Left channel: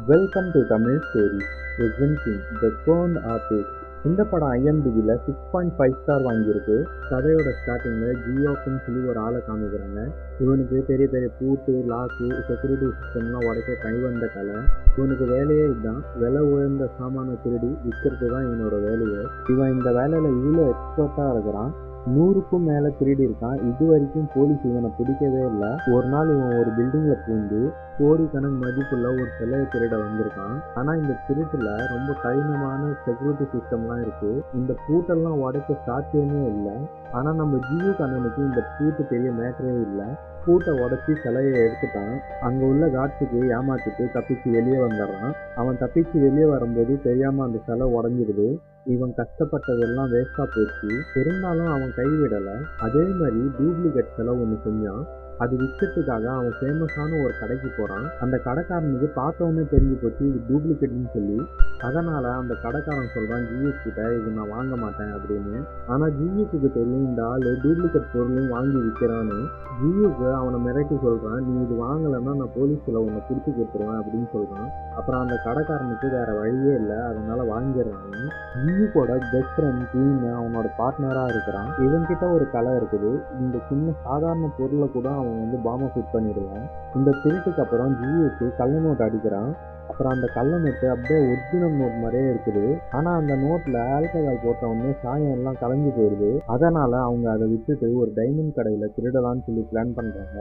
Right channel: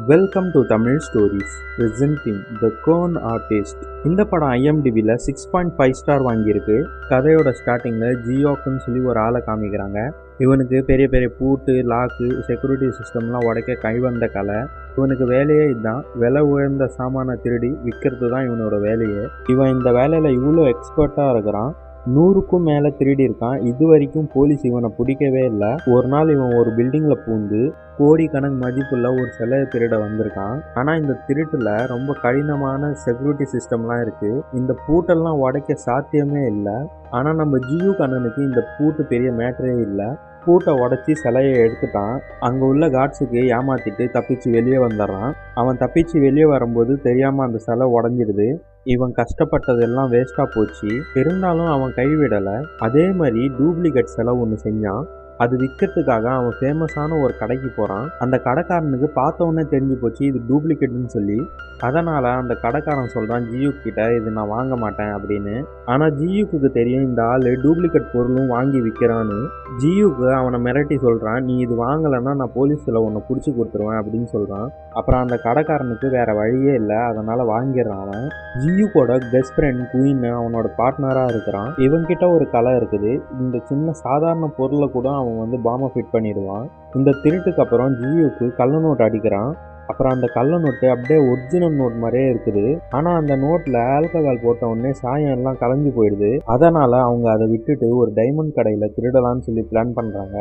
Welcome to Tamil stories presenting the con artist இந்த படம் ஐஎம்டிபியில் சிக்ஸ் பாயிண்ட் ஃபைவ் ஸ்டார் வாங்கியிருக்கு. கதையோட ஸ்டார்டிங்கில் ஜியோக்குன்னு சொல்லி ஒரு ஆளை காமிக்கிறாங்க. இவனுக்கு பெரிய பெரிய பூட்டு லாக்கு செக்யூரிட்டி சிஸ்டம்லாம் உடைக்க கைவந்த கலை. இவனுக்கு வேலையே இதுதான். விலை உயர்ந்த சாமானை திருடி விற்கிறது தான் இவனோட வேலையே. இவன் இந்த வேலையில் இவ்வளோ எக்ஸ்பர்ட்டாக இருக்கிறான். நூறுக்கும் மேலே திருடி இருக்கான். இது வரைக்கும் போலீஸ் இவனை பிடிக்கவே இல்லை. ஒரு நாள் இவன் ஒரு பில்டிங்கில் பூந்து கோடி கணக்கு மதிப்புள்ள ஒரு சிலையை திருட வந்திருக்கான். ஆனால் இந்த திருட்டில் ரொம்ப கடினமான செக்யூரிட்டி சிஸ்டம்லாம் இருக்குது இந்த பூட்டெல்லாம் உடைக்க சாத்தியமே இல்லை. ஆனால் நம்ம ஜியு கண்ணனுக்கு இந்த பூட்டு பெரிய மேட்டரே இல்லை. பூட்டை உடச்சி சிலையை எடுத்துட்டான். அங்கே உள்ள காட்ஸுக்கு ஏமாத்திட்டு தப்பிச்சு வெளியே வந்துடுறான். அவன் தப்பிச்சு வெளியே வரும்போது தெரியாமல் அந்த சிலை உடஞ்சிடுது. இவன் கஷ்டப்பட்டதெல்லாம் வேஸ்ட்டாக போச்சு. இருந்தாலும் அவன் கைவிடலை. அதே மாதிரி டூப்ளிகேட் செலவு ஒன்று செஞ்சான். அது விற்கிறதுக்காக அவன் ஃபேமஸான ஒரு கடைக்கு போகிறான் அந்த கடைக்காரனுக்கு பார்த்தவொன்னே தெரிஞ்சு போச்சு இது டூப்ளிகேட்னு சொல்லி. அதனால் அந்த கடைக்காரன் சொல்கிறான் ஜியூ கிட்ட இது நான் வாங்க மாட்டேன் அப்படின்னு. ஆனால் ஜியூக்கு தெரியும் இந்த ஆள் டூப்ளிகேட் பொருளும் வாங்கி விற்கிறான்னு ஜியுக்கு அவனை மிரட்டி சொல்கிறான் நீ இது வாங்கலைன்னா நான் போலீஸில் உன்னை பிடிச்சி கொடுத்துருவேன் அப்படின்னு சொல்கிறான் அப்புறம் அந்த கடைக்காரனுக்கு வேறு வழியே இல்லை அதனால் வாங்கிடுறான் அவன். ஜியூக்கோட பெஸ்ட் ஃப்ரெண்ட் குயின் அவனோட பார்ட்னராக இருக்கிறான். இவன்கிட்ட ஒரு கலை இருக்குது. இந்த சின்ன சாதாரண பொருளை கூட அவன் வந்து பாம்பை ஃபிட் பண்ணிடுவான். இந்த திருட்டுக்கு அப்புறம் ஜியுக்கு கள்ள நோட் அடிக்கிறான். அப்புறம் அந்த கள்ள நோட்டு அப்படியே ஒரிஜினல் நோட் மாதிரியே இருக்குது. ஆனால் அந்த நோட்டில் ஆல்கஹால் போட்ட உடனே சாயம் எல்லாம் கலைஞ்சு போயிடுது. அதனால் அவங்க அதை விட்டுட்டு ஒரு டைமண்ட் கடையில் திருடலாம்னு சொல்லி பிளான் பண்ணுறாங்க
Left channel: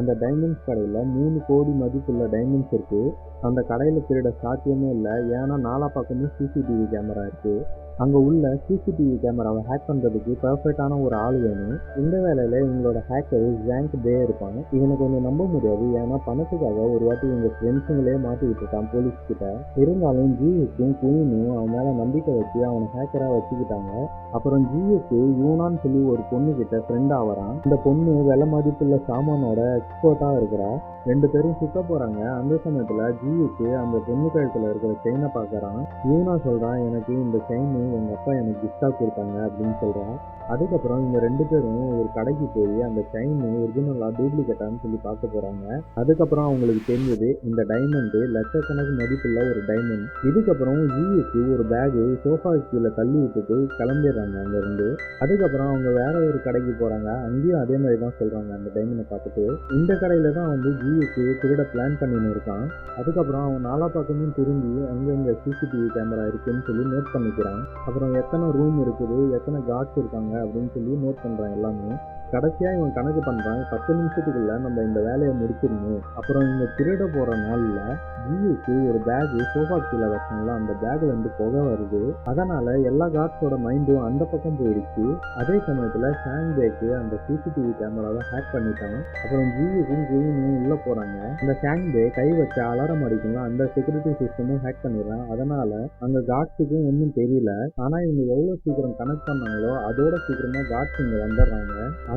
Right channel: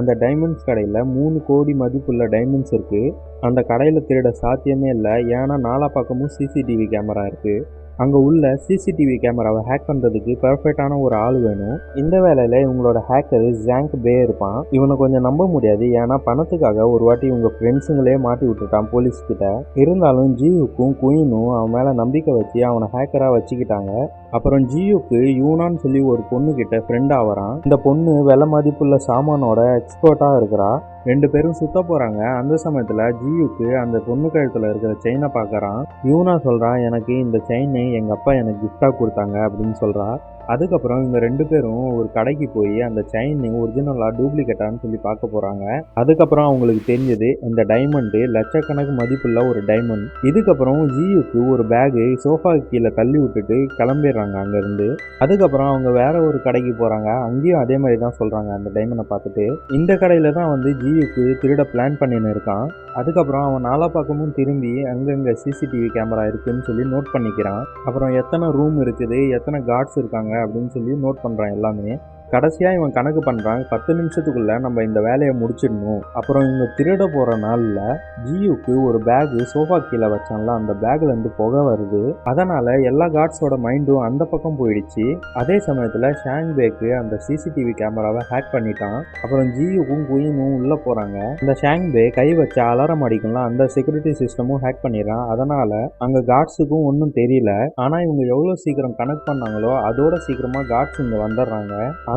அந்த டைமண்ட்ஸ் கடையில் மூணு கோடி மதிப்புள்ள டைமண்ட்ஸ் இருக்குது அந்த கடையில் திருட சாத்தியமே இல்லை. ஏன்னா நாலா பக்கமும் சிசிடிவி கேமரா இருக்குது அங்கே உள்ள சிசிடிவி கேமராவை ஹேக் பண்ணுறதுக்கு பர்ஃபெக்டான ஒரு ஆள் வேணும். இந்த வேலையில் இவங்களோட ஹேக்கர் ஜாங்க் பே இருப்பான். இவனை கொஞ்சம் நம்ப முடியாது. ஏன்னா பணத்துக்காக ஒரு வாட்டி இவங்க ஃப்ரெண்ட்ஸுங்களே மாட்டி விட்டுட்டான் போலீஸ் கிட்ட. இருந்தாலும் ஜியூக்கும் குயினும் அவன் மேலே நம்பிக்கை வச்சு அவனை ஹேக்கராக வச்சுக்கிட்டாங்க. அப்புறம் ஜியூக்கு யூனான்னு சொல்லி ஒரு பொண்ணு கிட்ட ஃப்ரெண்ட் ஆகிறான் இந்த பொண்ணு விலை மதிப்புள்ள சாமானோட எக்ஸ்பர்ட்டாக இருக்கிறா. ரெண்டு பேரும் சுத்த போகிறாங்க அந்த சமயத்தில் ஜியுக்கு அந்த பொண்ணு கழுத்தில் இருக்கிற செயினை பார்க்குறான் யூனா சொல்கிறான் எனக்கு இந்த செயினை எங்கள் அப்பா எனக்கு கிஃப்டாக கொடுத்தாங்க அப்படின்னு சொல்கிறா அதுக்கப்புறம் இவங்க ரெண்டு பேரும் ஒரு கடைக்கு போய் அந்த செயின் ஒரிஜினலாக டூப்ளிகேட்டான்னு சொல்லி பார்க்க போகிறாங்க அதுக்கப்புறம் அவங்களுக்கு தெரிஞ்சது இந்த டைமண்டு லட்சக்கணக்கு மதிப்புள்ள ஒரு டைமண்ட் இதுக்கப்புறம் ஜியுக்கு ஒரு பேகு சோஃபா கீழே தள்ளி விட்டுட்டு கிளம்பிடுறாங்க அங்கேருந்து. அதுக்கப்புறம் அவங்க வேற ஒரு கடைக்கு போகிறாங்க அங்கேயும் அதே மாதிரி தான் சொல்கிறாங்க அந்த டைமண்டை பார்த்துட்டு. இந்த கடையில் தான் வந்து ஜியுக்கு திருட பிளான் பண்ணின்னு இருக்கான். அதுக்கப்புறம் அவன் நாலா பக்கமும் திரும்பி அங்கங்கே சிசிடிவி கேமரா இருக்குன்னு சொல்லி நோட் பண்ணிக்கிறான். அப்புறம் எத்தனை ரூம் இருக்குது எத்தனை கார்ட்ஸ் இருக்காங்க அப்படின்னு சொல்லி நோட் பண்ணுறான் எல்லாமே. கடைசியாக இவன் கணக்கு பண்ணுறான் பத்து நிமிஷத்துக்குள்ளே நம்ம இந்த வேலையை முடிச்சிடணும். அப்புறம் இவங்க திருட போகிற நாளில் ஜியுக்கு ஒரு பேகு சோஃபா கீழே வச்சான்ல அந்த பேக்லேருந்து புகை வருது. அதனால் எல்லா கார்ட்ஸோட மைண்டும் அந்த பக்கம் போயிடுச்சு. அதே சமயத்தில் ஷேங் பேக்கு அந்த சிசிடிவி கேமராவை ஹேக் பண்ணிட்டான். அப்புறம் ஜியுக்கும் குயினும் உள்ளே போகிறாங்க இந்த ஷேங் பே கை வச்ச அலாரம் அடிக்கும்ல அந்த செக்யூரிட்டி சிஸ்டமும் ஹேக் பண்ணிடுறான். அதனால் அங்கே கார்ட்ஸுக்கும் ஒன்றும் தெரியல. ஆனால் இவங்க எவ்வளோ சீக்கிரம் கனெக்ட் பண்ணாங்களோ அதோட சீக்கிரமாக கார்ட்ஸ் இங்கே வந்துடுறாங்க.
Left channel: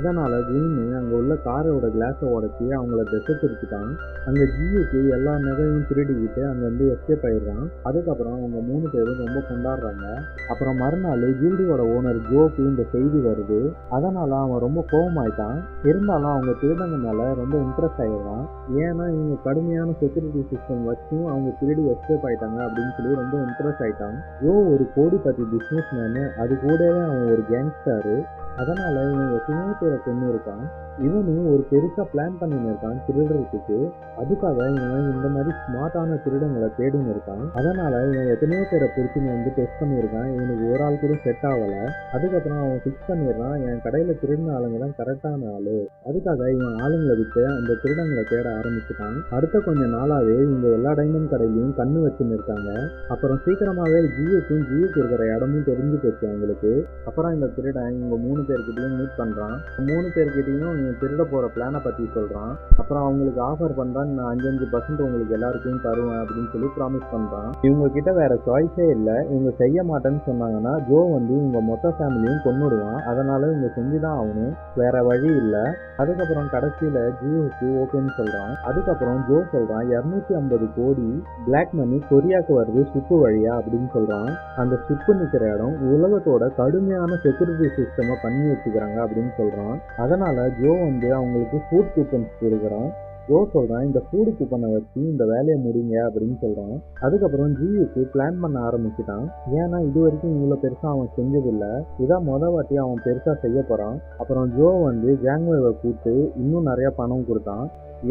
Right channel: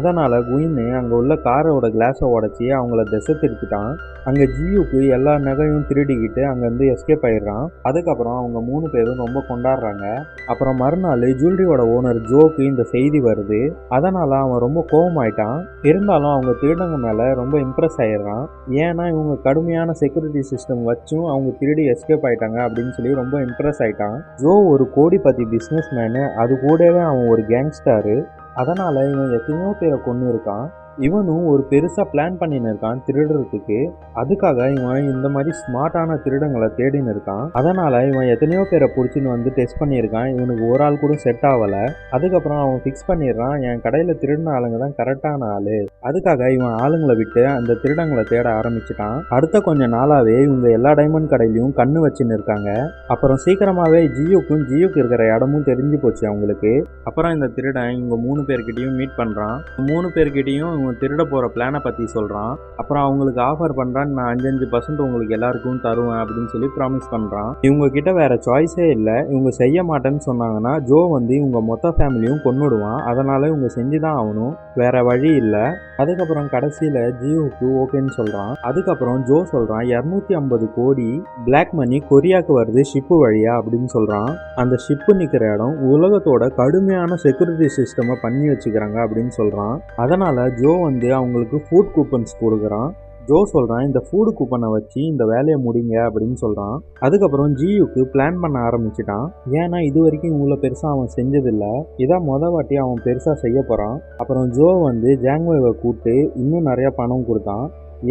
அதனால் குயின்னு அங்கே உள்ள காரோட கிளாஸை உடச்சி அவங்கள திசை திருப்பிட்டான். அங்கே ஜியூக்கு எல்லா நகையும் திருடிக்கிட்டு அங்கேருந்து எஸ்கேப் ஆயிடுறான். அதுக்கப்புறம் அவங்க மூணு பேரும் ரொம்ப கொண்டாடுறாங்க. அப்புறம் மறுநாள் ஜுவல்லரியோட ஓனர் ஜோக்கு இந்த செய்தி வருது. அதனால் அவன் ரொம்ப கோபமாயிட்டான் இருந்தாலும் அவங்க திருடங்க மேலே ரொம்ப இம்ப்ரெஸ் ஆயிடுறான். ஏன்னா இவங்க கடுமையான செக்யூரிட்டி சிஸ்டம் வச்சும் அவங்க திருடி எஸ்கேப் ஆயிட்டாங்க அப்படின்னு சொல்லி ரொம்ப இம்ப்ரெஸ் ஆயிட்டான். ஜோ ஒரு கோடிபதி பிஸ்னஸ் மேனு அது கூடவே அவன் ஒரு கேங்ஸ்டாரு அதனால் இவன் எத்தனையோ பேரை கொண்டு இருக்கான் இவனும் ஒரு பெருசாக பிளான் பண்ணின்னு இருக்கான் திருடுறதுக்கு. அதுக்காக இவன் இந்த மாதிரி ஸ்மார்ட்டான திருடங்களை தேடின்னு இருக்கான். அதனால் இவன் எத்தனையோ பேரை பிடிச்சின்னு வந்து டெஸ்ட் பண்ணியிருக்கான். இவனுக்கு ஒரு ஆள் கூட செட் ஆகலை அதுக்கப்புறம் அவன் ஃபிக்ஸ் பண்ணிடுறான். என் கடையில் திருடின ஆளுங்க தான் கரெக்டான ஆள். அதுக்காக இவன் ஆளுங்களை விட்டு அந்த திருடங்களை தேட ஆரம்பிச்சிட்டான். அடுத்த கொஞ்ச நாளாகவே இவங்க எல்லா டைமண்ட் கடையிலையும் கண்ணு வச்சுன்னு இருக்காங்க. அப்புறம் சீக்கிரமாகவே ஜியோக்கும் ஜியோக்கு இருக்கிற இடமும் தெரிஞ்சு போச்சு அவங்களுக்கு. அப்புறம் இந்த திருடன் இவங்க மூணு பேர்கிட்டையும் மீட் பண்ணுறான் மூணு பேர்கிட்டையும் இவங்க திருட போகிற பிளானை பற்றி சொல்கிறான் அப்புறம் அவங்களுக்கு ஆஃபர் பண்ணுறான் நான் அஞ்சஞ்சு பர்சன்ட் உங்களுக்கு எல்லாருக்கும் தருவேன் அப்படின்னு சொல்லி ப்ராமிஸ் பண்ணுறான் இவங்க கிட்ட வேற சாய்ஸே இல்லை. இவங்க செய்ய மாட்டேன்னு சொன்னாங்கன்னா ஜோ வந்து இவங்க மொத்த ஃபேமிலியும் கொண்டுடுவான் அதனால் இவங்க செஞ்சு தான் ஆகணும். வேறு வழி இல்லை. அதுக்கப்புறம் கடைசியில் ஜியோவுக்கு ஓகேன்னு சொல்கிறான் அதுக்கப்புறம் ஜோ சொல்கிறான் இரநூத்தி ஐம்பது கோடி பிளாக் மணி கொரியாவுக்கு வருது ஷிப்பு வழியா? அப்படின்னு சொல்கிறான் அந்த ஷிப்பு நிற்கிற இடம் உலகத்தோட கடுமையான செக்யூரிட்டி சிஸ்டமை பண்ணி வச்சுக்கிறாங்க அப்படின்னு சொல்கிறான் அதனால் ஜோ வந்து அவங்களுக்கு ஃபுட் கூப்பன்ஸ் கொடுக்குறான். ஜோ சொல்கிறான் இந்த ஃபுட் கூப்பனை வச்சு இந்த வேலையை முடிங்க அப்படின்னு சொல்கிறான் அதுக்கப்புறம் ஜியுக்கு பிளான் பண்ண ஆரம்பிச்சிட்டான். ஏன்னா இது வரைக்கும் இவ்வளோ பெருசாக அவன் செஞ்சதில்லை. இதான் மொதல் வாட்டி அவன் பெருசாக செய்ய போகிறான் அப்புறம் ஜோ வந்து ஜாங்வேவை கூப்பிட்டு இன்னும் நிறையா பணம் கொடுத்தான்.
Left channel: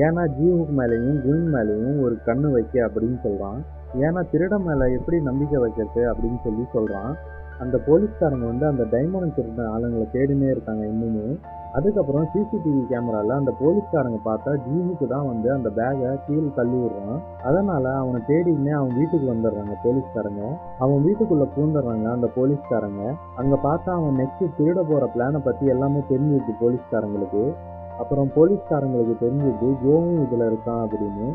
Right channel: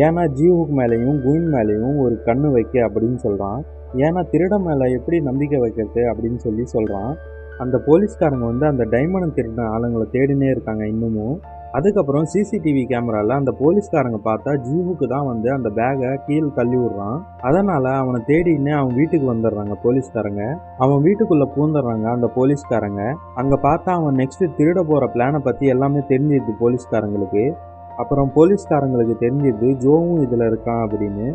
ஏன்னா ஜிஹுக் மேலேயும் குயின் மேலேயும் ஒரு கண்ணு வைக்க அப்படின்னு சொல்கிறான் ஏன்னா திருட மேலே எப்படி நம்பிக்கை வைக்கிறது அப்படின்னு சொல்லி சொல்கிறான் அந்த போலீஸ்காரங்க வந்து அந்த டைமண்ட் திருடின ஆளுங்களை தேடினே இருக்காங்க இன்னமும். அதுக்கப்புறம் சிசிடிவி கேமராவில் அந்த போலீஸ்காரங்க பார்த்தா ஜீவுக்கு தான் வந்து அந்த பேகை கீழே தள்ளி விடுறான். அதனால் அவனை தேடின்னு அவன் வீட்டுக்கு வந்துடுறாங்க போலீஸ்காரங்க. அவன் வீட்டுக்குள்ளே பூந்துடுறாங்க அந்த போலீஸ்காரங்க. அங்கே பார்த்தா அவன் நெக்ஸ்ட்டு திருட போகிற பிளானை பற்றி எல்லாமே தெரிஞ்சிருது போலீஸ்காரங்களுக்கு. அப்புறம் போலீஸ்காரங்களுக்கு தெரிஞ்சிருது ஜோவும் இதில் இருக்கான் அப்படின்னு.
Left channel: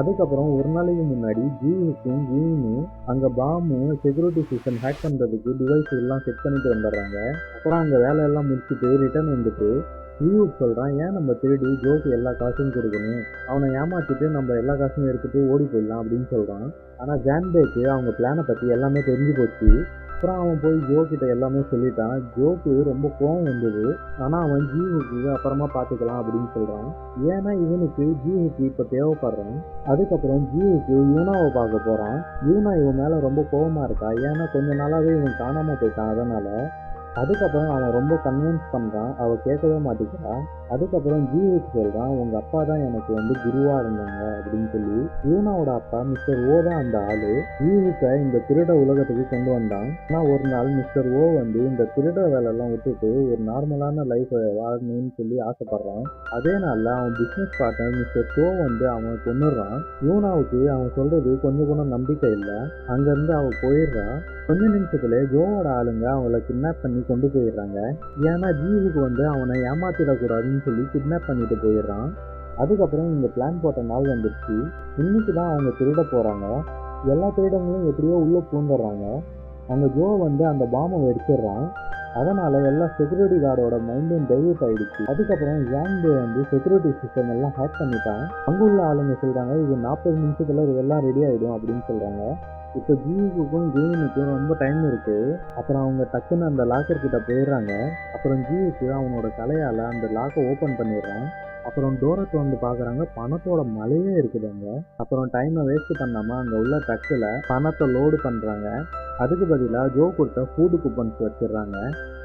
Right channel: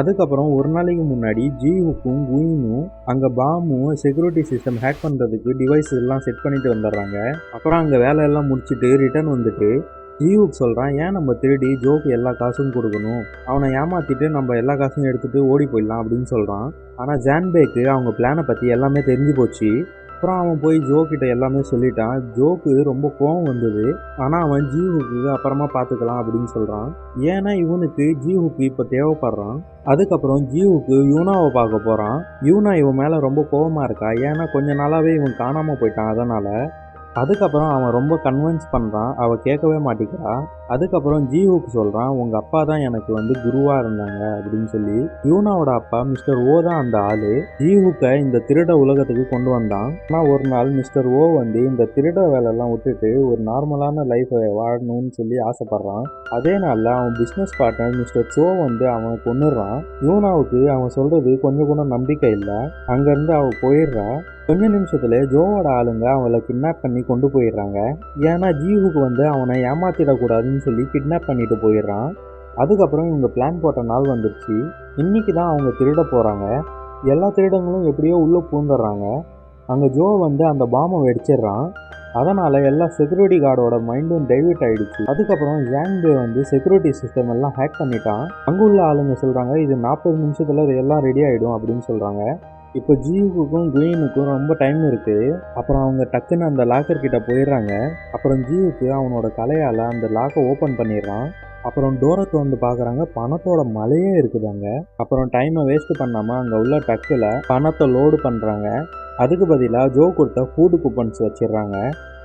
அதுக்கப்புறம் ஒரு நாளைக்கு முன்னாடி ஜிஹுக்கும் குயினும் அங்கே பாமும் செக்யூரிட்டி சிஸ்டம் ஹேக் பண்ணுறதுக்கு டிவைஸ் எல்லாம் செட் பண்ணிட்டு வந்துடுறாங்க. அப்புறம் அங்கே வேலையெல்லாம் முடிச்சுட்டு ரிட்டர்ன் வந்துட்டு ஜிஹுக் சொல்கிறான் ஏன் நம்ம திருடி ஜோக்கு எல்லா காசும் கொடுக்கணும்? அவனை ஏமாற்றிட்டு நம்ம எல்லா காசும் எடுத்துகிட்டு ஓடி போயிடலாம் அப்படின்னு சொல்கிறான் ஆனால் ஜான்பேக்கு அவங்க பிளானை பற்றி எல்லாமே தெரிஞ்சு போச்சு. அப்புறம் அவன் போய் ஜோக்கிட்ட எல்லாமே சொல்லிட்டான். ஜோக்கு ரொம்ப கோவம் வந்தது. ஆனால் அவன் ஜீவுக்கு அப்புறமா பார்த்துக்கலாம் அப்படின்னு சொல்கிறான் ஏன்னா இவனுக்கு ஜீவுக்கு இப்போ தேவைப்படுறான். அதுக்கப்புறம் ஜீவுக்கு யூனாவை பார்க்க போகிறான் யூனா இவன் மேலே ரொம்ப கோவமாக இருக்கா? ஏன்னா கொஞ்ச நாளாகவே இவன் காணாமல் போயிட்டான். அதனால் அதுக்கப்புறம் அவன் ரொம்ப கன்வின்ஸ் பண்ணுறான் அவள் கேட்கவே மாட்டேங்கிறா அதுக்கப்புறம் ஜீவுக்கு சொல்கிறான் உங்கள் அப்பா தான் எனக்கு வந்து குருவாக இருந்தாங்க அப்படின்னு சொல்லி. யூனாவோட அப்பா மிஸ்டர் ஓ தான் அந்த ஆள். ஜீவுக்கை இந்த திருட உலகத்துக்கு கொண்டு வந்தான். ஆனால் ஒரு நாள் மிஸ்டர் ஓ வந்து இந்த திருட வேலையெல்லாம் விட்டுட்டு ஒரு நார்மலான லைஃப்பை வாழணும்னு சொல்லி ஆசைப்பட்றான். அதே நாளில் அவன் பிஸ்னஸ் பார்ட்னர் மிஸ்டர் சோ வந்து அவனை கொண்டுடுறான் யூனாவுக்கு அவன் சொல்கிறது கொஞ்சம் கூட நம்பிக்கை இல்லை. அங்கேருந்து அவள் போயிடுறா. கொஞ்ச நிமிஷத்துல ஜோவோட ஆளுங்க அவளை கிட்னாப் பண்ணி கொண்டு போயிடுறாங்க. ஏன்னா ஜீவுக்கு வந்து அவனை ஏமாத்திடக்கூடாதுன்னு சொல்லி கிட்னாப் பண்ணிட்டு போயிடுறான். அதுக்கப்புறம் இவங்க பிளான் போட்ட நாள் வந்துருச்சு. இன்னைக்கு தான் அவங்க திருட போகிறாங்க எல்லா திருடங்களும் எப்படியோ உள்ளே பூந்துடுறாங்க அங்கே ஜோ வந்து அந்த பாம்பை வெடிச்சிடுறான். அதனால் எல்லா செக்யூரிட்டி கார்டோட மைண்டும் டைவர்ட் ஆகிடுச்சு அதுக்கப்புறம் ஜாங்பே வந்து செக்யூரிட்டி சிஸ்டம் எல்லாம் ஹேக் பண்ணிட்டான். அங்கே உள்ள ஆளுங்க சொல்கிறாங்க இது நாற்பது நிமிஷத்தில் இது எல்லாம் ரெடி ஆகிடும் அப்படின்னு சொல்கிறாங்க இப்போ ஜீவுக்கும் குயினுக்கும் ரொம்ப டைம் இருக்குது அப்புறம் அவங்க டக்குன்னு அந்த லாக்கர் கிட்ட போயிடுறாங்க. அப்புறம் ஜீவுக்கு அவனோட கலையால் அந்த லாக்கை ஓப்பன் பண்ணிடுறான். அப்புறம் டோரத்தை வந்து பார்க்குறாங்க பணத்தோட மலையே இருக்குது அங்கே. அப்புறம் டைமை வேஸ்ட் பண்ணாமல் அங்கே உள்ள டக்கில் பணத்தை லோடு பண்ணுறாங்க அதுக்கு பதிலாக ஜோ கொடுத்த ஃபுட் கூப்பன்ஸ் வச்சிடுறாங்க.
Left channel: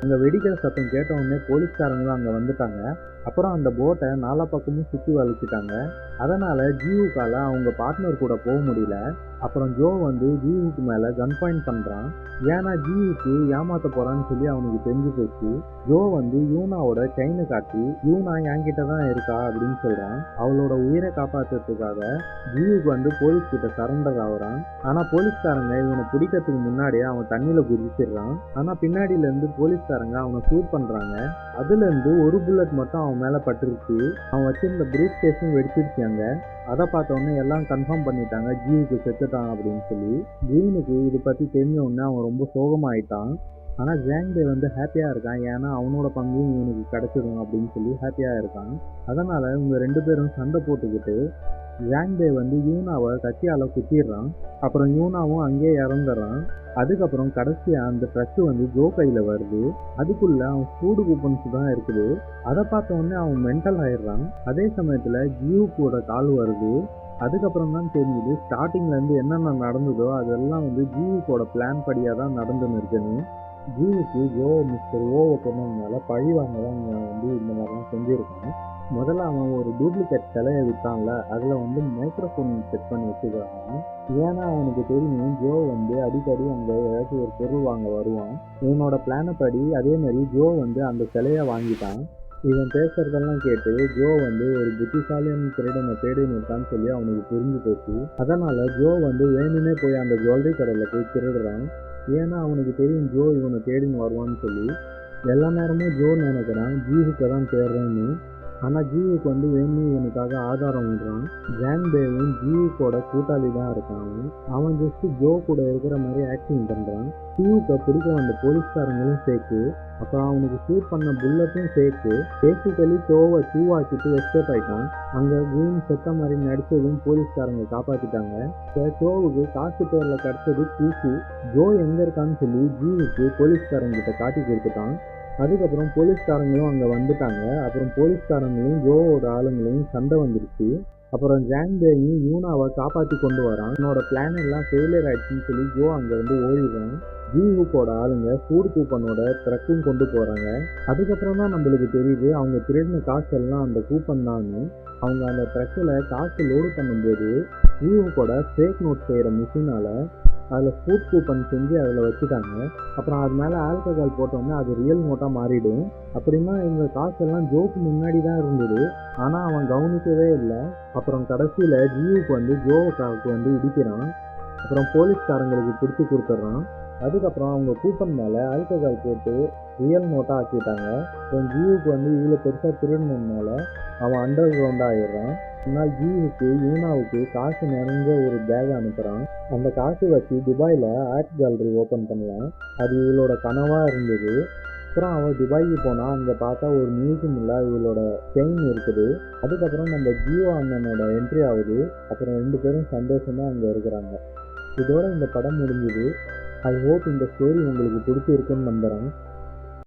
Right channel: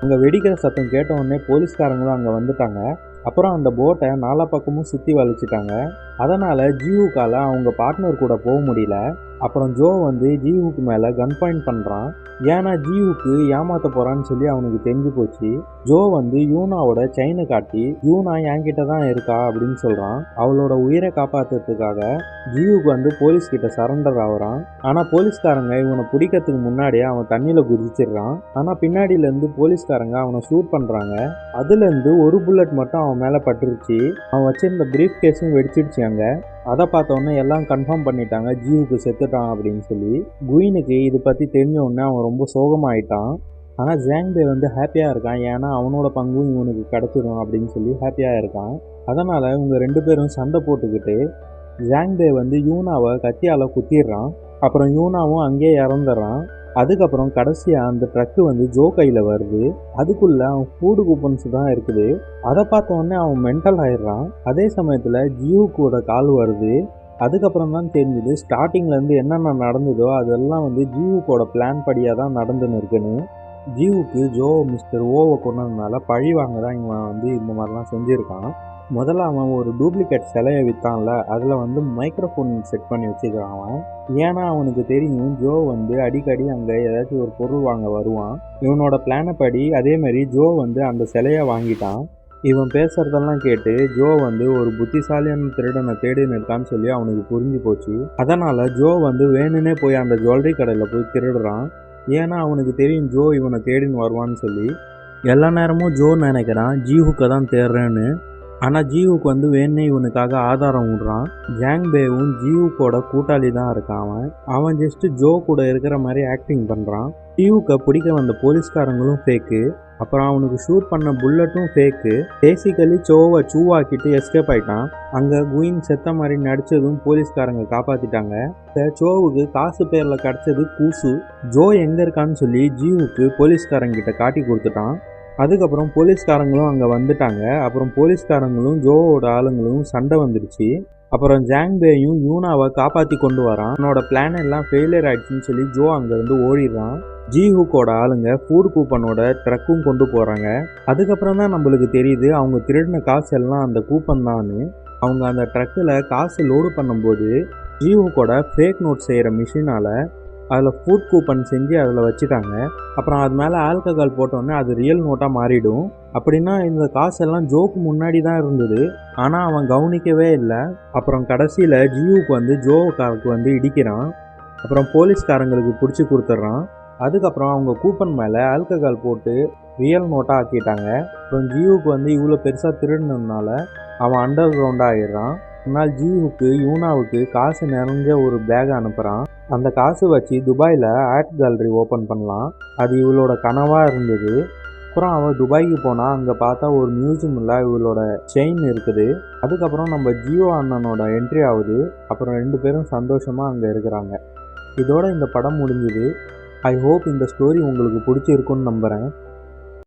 அங்கே வெடிக்கிற சத்தம் கேட்டவுடனே போலீஸ்காரங்களும் அங்கே வந்துட்டாங்க. அப்புறம் அந்த போட்டை நாலா பக்கமும் சுற்றி வளைச்சிட்டாங்க அதனால் ஜீவுக்கால அவங்க பார்ட்னர் கூட போக முடியல. அப்புறம் ஜோ வந்து ஜீவுக்கு மேலே கன் பாயிண்ட் பண்ணுறான் ஏன்னா ஜீவுக்கு ஏமாத்த போகிறான்னு சொல்லி அவனுக்கு தெரிஞ்சு போச்சு. ஜோ வந்து யூனாவோட செயினை காட்டி யூனா என்கிட்ட தான் இருக்கா? அப்படின்னு சொல்கிறான் அவளோட உயிரை காப்பாற்றுறதுக்காக ஜீவுக்கு வந்து போலீஸ் கிட்ட சரண்டர் ஆகுறான். ஆனால் போலீஸ்காரங்க இவனை பிடிக்கிறதுக்கு முன்னாடியே அவன் தண்ணியில் குதிச்சிடுறான். ஆனால் பின்னாடியிலேருந்து போலீஸ்காரங்க அவனை ஷூட் பண்ணுறாங்க அதுலேருந்து ஒரு புல்லட் மட்டும் அவன் மேலே பட்டுருச்சு. அவன் வச்சிருந்த பிரீஃப் கேஸும் வெடிச்சிடுச்சு அங்கே. அதை பார்த்தோன்னே எல்லாம் கன்ஃபார்ம் பண்ணிட்டாங்க. ஜீவுக்கு செத்துட்டான் அப்படின்னு சொல்லி. குயினுக்கு இது பற்றி தெரிஞ்ச உடனே அவன் ரொம்ப சோகமாயிட்டான். ஆனால் ஜாங்பே வந்து ஹாப்பியாக இருக்கான். ஏன்னா அவனோட பங்கும் இவனுக்கு கிடச்சிடும் அப்படின்னு சொல்லி ஹாப்பியாக இருக்கான். அதனால் இவங்க ரெண்டு பேரும் சண்டை போட்டுக்கிட்டு ஜாங்பே வந்து யூனாவை கத்தியால் குத்திடுறான். அப்புறம் யூனாவும் அங்கேயே இறந்துடுறான். அதுக்கப்புறம் கடைசியாக அந்த ட்ரக்கு வந்து ஜோ கையில் வருது. அதுக்குள்ளே அவன் ஃபூடு கூப்பன்ஸ் தான் இருக்குது. அதை பார்த்த உடனே அவன் மென்டல் ஆயிடுறான். அதே சமயத்தில் ஜியூக்கோட கால் வருது. அதுக்கப்புறம் தான் தெரிஞ்சுது ஸ்டார்டிங்லேருந்து என்னென்ன நடந்ததோ அதெல்லாம் வந்து ஜீவுக்கோட பிளான் படியாக தான் நடந்துன்னு இருக்குன்னு. ஜீவுக்கு ஜோ மிஸ்டர் ஓவை கொண்டதுனால பழி வாங்க தான் இவன் வந்து இந்த மாதிரிலாம் செஞ்சுருக்கான். முதல்ல அவன் ஒரு டூப்ளிகேட் சிலையை விற்றான்ல அதில் வந்து மைக்ரோஃபோன் செட் பண்ணி வச்சுக்கிறான் அவன். ஏன்னா அவனுக்கு தெரியும் ஜோ வந்து அடிக்கடி அங்கே ஏதாச்சும் ஒரு பொருள் வாங்க வருவான். இவனோட பிளானை படி அதேமாரி ஜோ வந்து அந்த சிலையை வாங்கிட்டான். இவன் பேசுறதெல்லாம் கேட்டு ஜோ வந்து ஒரு புத்திசாலியான திருடனை தேடின்னு இருக்கான்னு சொல்லி அவனுக்கு புரிஞ்சு போச்சு. அதனால் ஜோ வந்து வேணும்னே போய் அந்த ஜுவல்லரி கடையில் போய் திருடுறான். ஏன்னா அவனுக்கு தெரியும் ஜோ இவனை தேடின்னு வருவான்னு சொல்லி. எல்லா நேரமும் ஜோ நினைக்கிறான் ஜீஹுக்கை தான் தேடுறேன்னு. ஆனால் ஜீவுக்கு வந்து வேணே இவனுக்காக ஆதாரம் விடுறான் ஜாங்பேவும் ஜீவுக்கோட கூட்டாளி தான் இருக்கான் அவன். அவன் ஜஸ்ட் ஜோ கூட இருக்கிற மாதிரி ஆக்டிங் பண்ணுறான் ஜீவுக்கை பிடிக்க வந்த போலீஸ்காரங்களும் ஃபேக்கு அப்புறம் அவனுக்கு ஷூட் பண்ண புல்லட்டும் ஃபேக்கு பேசிக்கலி சோவை சூவாக்கிட்டு எஸ்கேப் ஆயிட்டான். அங்கே குயின் செத்த மாதிரி நடிச்சதும் போலீஸ்காரங்க காப்பாற்றிட்டாங்க இந்த சோவுக்கு காசு பேரில் கிடச்சது கூசு. ஜோ எங்கே இருக்கான்னு சொல்லி ஜீவுக்கு போலீஸ்காரங்கிட்ட காட்டி கொடுத்துட்டான். அதுக்கப்புறம் போலீஸ்காரங்களும் அங்கே வந்துட்டாங்க. அப்புறம் போலீஸ்காரங்களும் ஜோவோட ஆளுங்களும் சண்டை வந்துடுச்சு அப்புறம் ஜாங்பேயும் யூனாவை காப்பாற்றி கொண்டு வரான். அவனோட பிளான் எல்லாம் ஃபெயிலியர் ஆயிடுச்சுன்னு சொல்லி ஜோ அங்கேருந்து ஓடிடுறான். ஜிஹூக்கோட ஆளுங்க ஃபூர் கூப்பனோட ட்ரக்கும் கொண்டு போகிறாங்க அதுக்கப்புறம் தான் நம்மளுக்கு தெரியுது அவங்க திருடின காசு எல்லாம் அந்த கூப்பன் தான்னு. அவங்க அந்த ட்ரக்கில் காசு லோடு பண்ணும்போது ஜிஹூக்கோட ஃபேக் நோட் செய்கிற மிஷினால் அதில் ஃபுட் கூப்பன் செஞ்சு அதில் வச்சுட்டாங்க. அப்புறம் அது மேலே ஆல்கஹால் போட்டோன்னே அது ரியல் நோட்டாக மாறிடும். அப்படின்னா இந்த காசெல்லாம் ஜோக்கு முன்னாடி தான் இருந்தது. ஆனால் அவன் கவனிக்கவே இல்லை. அப்புறம் கடைசியில் ஜியூக்கு வந்து ஜோவுக்காருக்கு வந்து இடிக்கிறான். அப்புறம் போலீஸ்காரங்களுக்கு பிடிச்சி கொடுத்துட்றான். அதுக்கப்புறம் அவங்க கூப்பன் மேலே ஆல்கஹால் போட்டு ரியல் நோட்டாக ஆக்கிட்டாங்க. அப்புறம் ஜியூக்கு வந்து இவ்வளோ பெருசாக திருடினதுனால அவன் அண்டர் கிரவுண்டாக ஆகிடுறான் ஆனால் ஜீவுக்கு யூனாவுக்கு காசு நிறைஞ்ச ஒரு பேக் அனுப்புகிறான் அந்த காசு வச்சு துபாயில் ஆர்ட் கேலரி ஓப்பன் பண்ணலாம். அது இவளோட கனவாக இருந்தது. அப்புறம் அவள் துபாய்க்கு போனால் அங்கே பார்த்தா ஒரு மியூசியமில் இவளோட செயின் இருக்குது. அதுக்கப்புறம் நம்ம ஜியோ அண்ணனோட என்ட்ரி ஆகுது. அப்புறம் ரெண்டு பேரும் சந்தோஷமாக அங்கே இருக்கிறாங்க. இதோட இந்த படம் முடிஞ்சுது. ஐ ஹோப் இந்த ஸ்டோரி உங்களுக்கு பிடிச்சிருக்குன்னு நம்புகிறேன்